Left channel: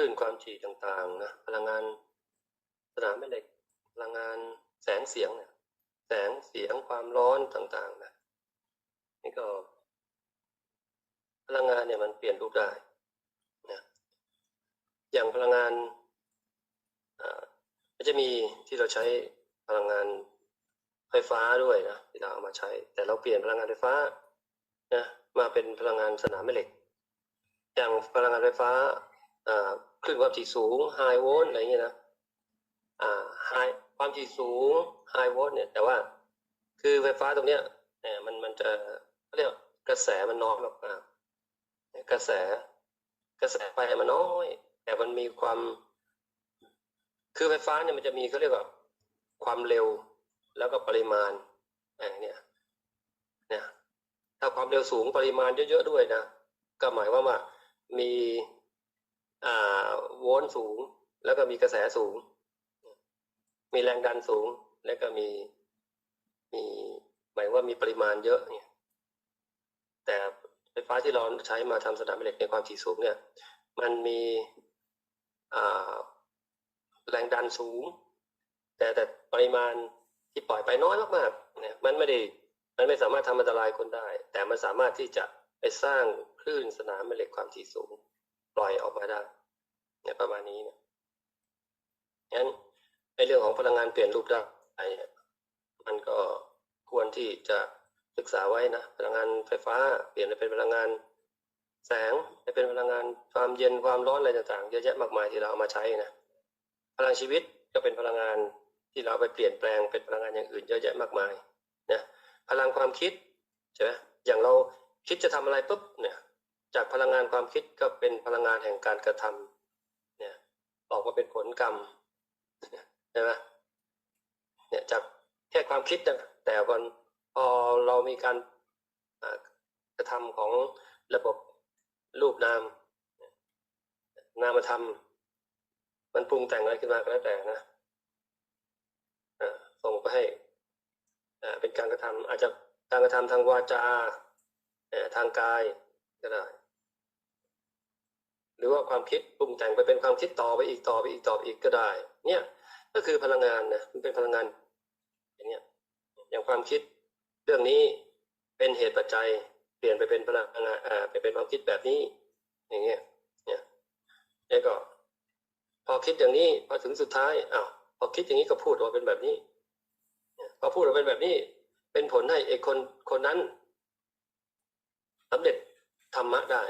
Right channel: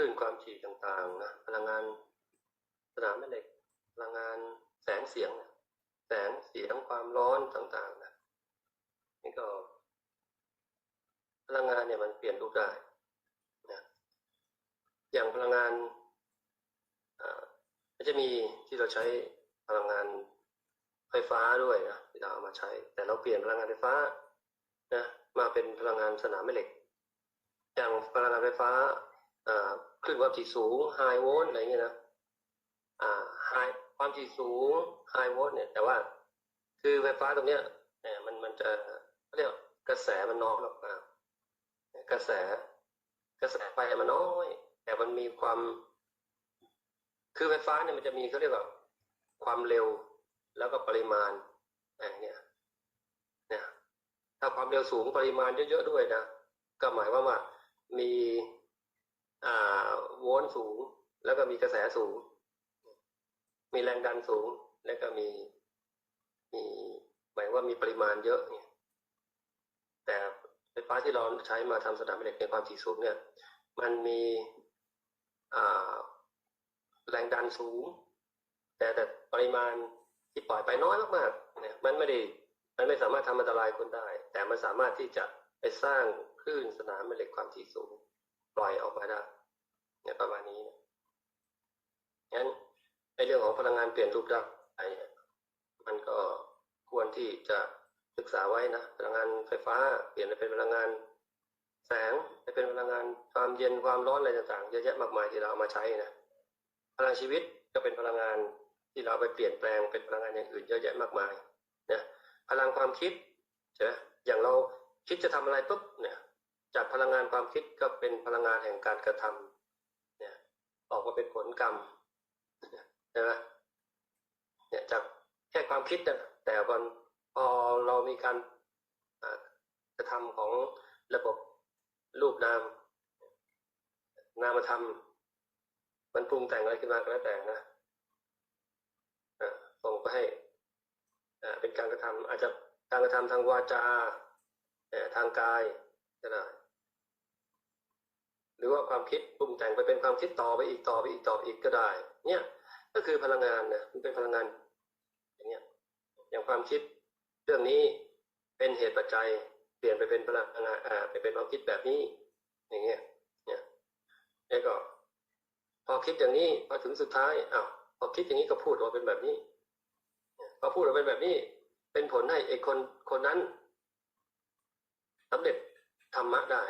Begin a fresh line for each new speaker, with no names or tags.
ลื่นความถี่ต่างๆนะพลังงานสนามแม่เหล็กพลังงานแสงเสียงนี่ยแสงเสียงความร้อนต่างๆนะนี่ก็ พลังงานเนี่ยมันเปลี่ยนรูปได้นะอย่างพลังงานอ่ามันจะมีที่เราใช้พลังงานไฟฟ้าด้วยนะที่เราเอามาใช้ แต่เราเปลี่ยนพลังงานไฟฟ้านะมาเป็นพลังงานสนามแม่เหล็ก อย่างพลังงานไฟฟ้า คลื่นความถี่สูงไฮโวลต์อะไรอย่างเงี้ยนะอ่าไฮความถี่สูงไฮโวลต์เนี่ย แต่ว่าคือไฟฟ้าตรงเนี้ยเนี่ยมันมันจะเขาเรียกกระแสมันน้อยมากๆกระแส กระแสไฟมันน้อย แต่มันมีความ คือไฟฟ้าเนี่ยมันจะมีเขาเรียกว่าความเร็วแล้วก็ปริมาณอย่างเนี้ยเนี่ยถ้าความเร็วสูงปริมาณเยอะๆด้วยนะก็หมายว่ามีอ่า สูง แล้วก็มีกระแสสูง มีแรงดันสูง แล้วก็มีมีหมายว่ามีปริมาณเยอะเนี่ย แต่ไฟฟ้าที่เราใช้มาทำสนามแม่เหล็กในความถี่สูงเนี่ย มันมีแรงดันสูง แต่แต่ปริมาณที่ปล่อยไปน้อยมากๆเนี่ยมันไม่ได้มันไม่สามารถทำอันตรายคนได้ แต่มันสามารถที่จะไปสร้างคลื่นสนามแม่เหล็กความถี่สูง ปล่อยออกมาได้ ประมาณนี้นะงั้นในเรื่องของพลังงานเปลี่ยนรูปได้เนี่ยมันก็ควรที่จะศึกษาไว้นะพลังงานไฟฟ้าเปลี่ยนไปเป็นพลังงานแสงไปเป็นพลังงานความเย็นความร้อนอะไรต่างๆเยอะแยะมากมายที่เราเอามาใช้นะพลังชีวิตก็เป็นพลังงานที่เราไปเปลี่ยนแปลงเป็นพลังงานอย่างอื่นเยอะแยะมากมายนะพลังความคิดใช่ไหมอย่างเราคิดจะทำอะไรปุ๊บเนี่ยจากพลังงานความคิดก็เป็นพลังงานแห่งการกระทำเนี่ย ออกมาเป็นผลกรรมใช่ไหมเนี่ยจากแค่ความคิดนะแต่ก่อนพอเรามีการกระทำของระบบรูปนาม นามธรรม มันปรุงแต่งอะไรขึ้นมาก็แล้วแต่นะส่งไปให้เป็นการกระทำอาจจะการกระทำทางวาจาทางกายก็ได้ หรือว่าความคิดปรุงแต่งไปเป็นความคิดต่อไปอีกต่อไปอีกต่อไปอีกก็ได้ เนี่ยก็คือพลังงานนะมันเป็นพลังงานอย่างเนี้ยอย่างความคิดเรื่องนี้เป็นเหตุปัจจัยเปลี่ยนไปเป็นพลังงานอ่าไปเป็นความคิดแบบนี้ อย่างเงี้ยเนี่ยแล้วก็ พอคิดอย่างนี้พอถึงสุดท้ายอ้าวพอคิดอย่างนี้ก็พูดออกมาเป็นแบบนี้พอพูดออกมาเป็นแบบนี้ เป็นผลให้ไอ้คนคนนั้นสำเร็จธรรมะได้